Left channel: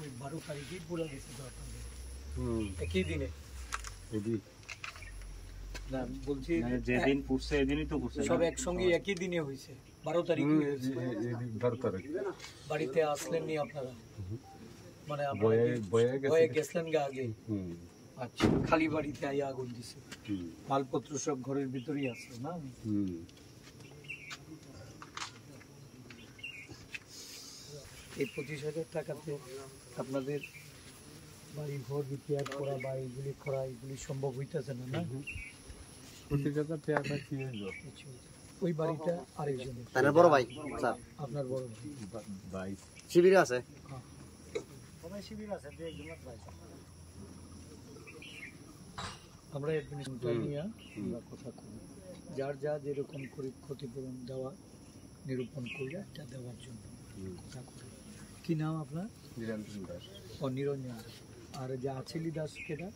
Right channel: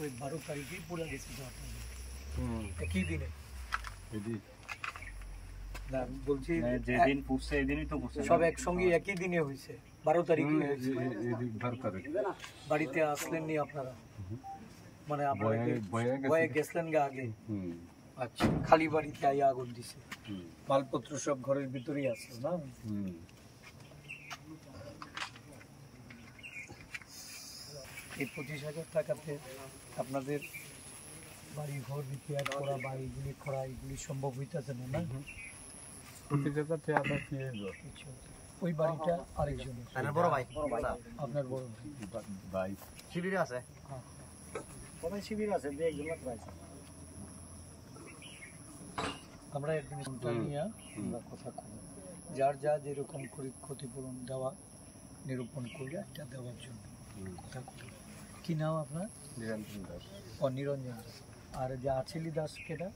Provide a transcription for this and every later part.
ওই 12 তারিখেই পুরো গেছে তো আপনাদের একই দিনে না বলছি যেদিন পুড়ছে এদিনই তো পুড়ছে সব একসঙ্গে একই দিনে হয়েছে 12 তারিখে হয়েছে 12 তারিখ বাড়িতে আসলেননি আপনারা মানে আপনারা বয়ে গেছিলেন গা আগে আচ্ছা খালি বাড়িতে আইয়া আগুন দিছে মালপত্র সব ঘরের ভিতরেই আছে না এই 25,000 টাকাতে আপনাদের বাড়ি ঘর রিপেয়ার করা বা এইগুলি করা এগুলি সম্ভব হইতেছে না না 25,000 টাকা কি ওই বাড়িটা আরেকজনের বড় ভাই আপনার বড় ভাই শিবিরে আছে সবাই শিবির আছে আমরা অ্যাডমিনিস্ট্রেশনটা নিয়ে আমরা কথা কব যার যা যেরকম করে ক্ষতিপূরণ দেওয়া নিরূপণ করে এটা দেওয়ার জন্য কথা করি কি নাম আপনার নিরঞ্জন দাস ও নিরঞ্জন দাস আর যে আছিলি দাস কেটা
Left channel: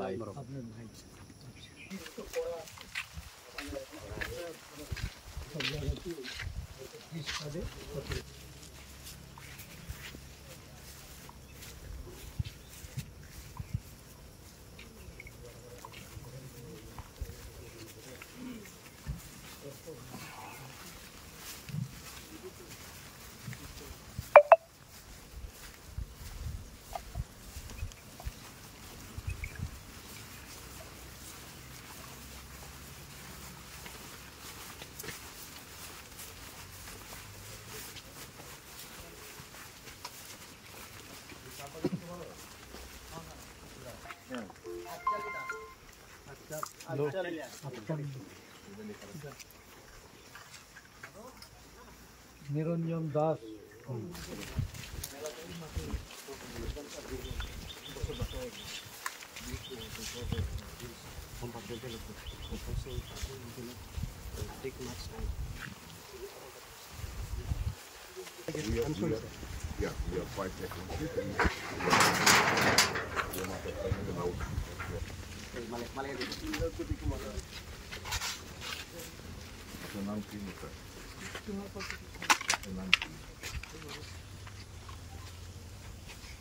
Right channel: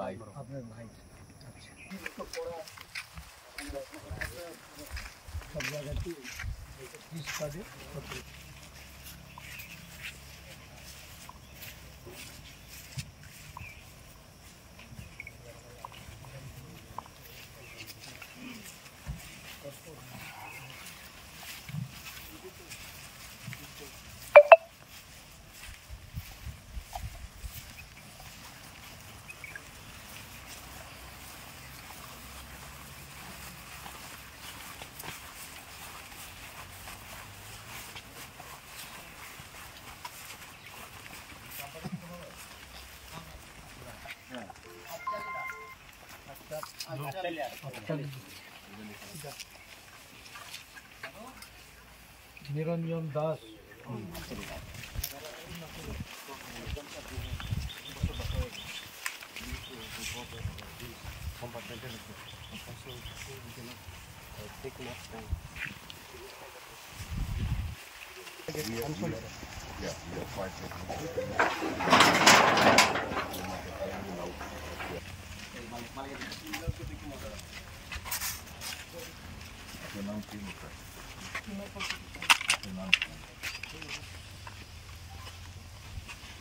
ভাই আপনার ভাই আচ্ছা সব জায়গাতে পিস কার্ডে নিরঞ্জন Das Yeah, we are quite technical. নাম কি নাম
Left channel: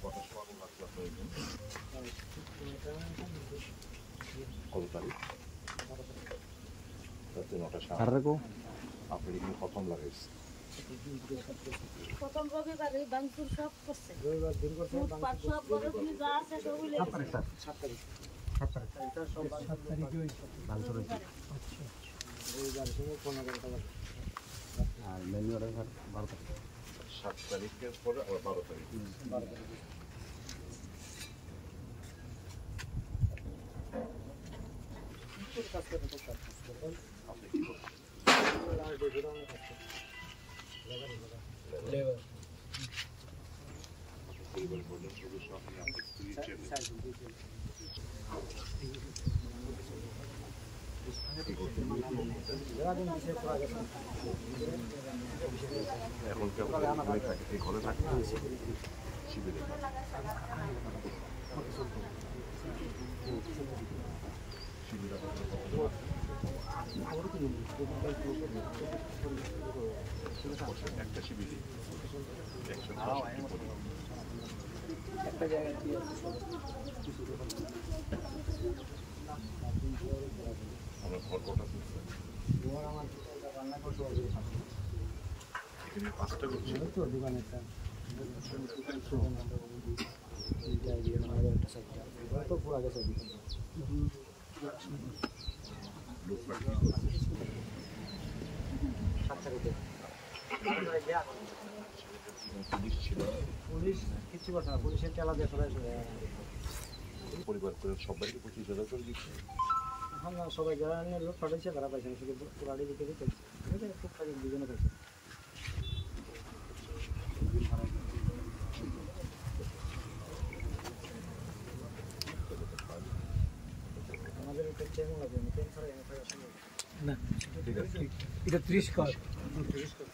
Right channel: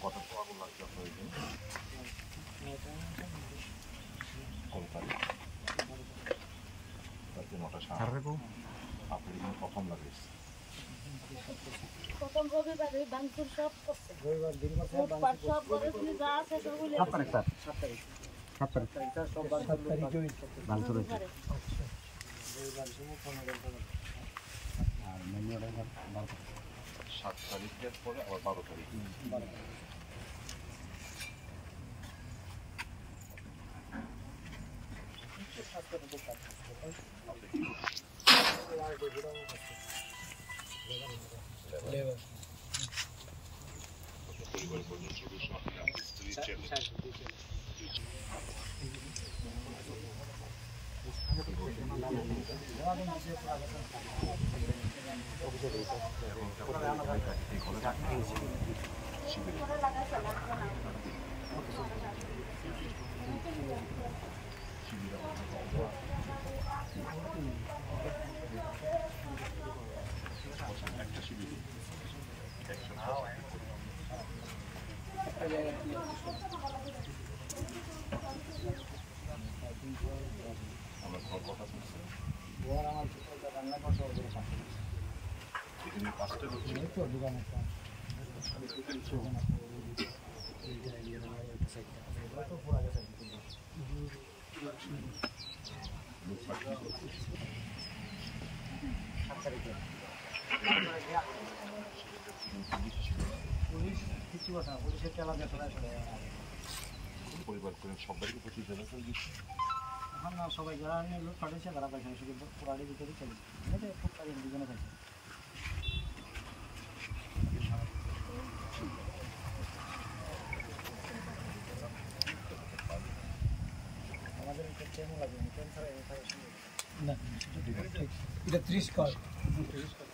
কত আগুন লাগছে আপনার কত তারিখ রাতে 9টা আপনার এখানে প্রথম লাগাইছে প্রথম রবিবারে বাংপুর সব করছে ফুটপাত সব ঘরে তুমি যা আছে সবগুলো আর মেনু অর্ডার 12 তারিখ 7 তারিখের পরে আবার 12 তারিখ পরিবারের প্রধান সদস্য আপনার স্ত্রী ছেলে শিবিরে একটা শিবিরে একটা জায়গা আমার ঘর কটা করছে আমার রান্না করতে এখানে 5টা করছে তো দোকান একটা পুরো গেছে লোক পাঠিয়ে করছে 7 তারিখে পুলিশ ছিল পুলিশ কিছু কথা না পুলিশের তেলা দিয়ে সবাই চলে পরিবার করে সবাইকে 25,000 করে দিচ্ছে হ্যাঁ না সবাই যারা নিয়ে লোক পাঠাচ্ছে তারা পাইছে না শুধু পুরাড়ির ভিতরে চলছে টুকটাক দুজনে পাইছে আমাদের এটা কেমন লাগবে কেমন ছাড়া এনে থাকা সম্ভব না ঠিক আছে এটা 30 কার্ড 30 কার্ড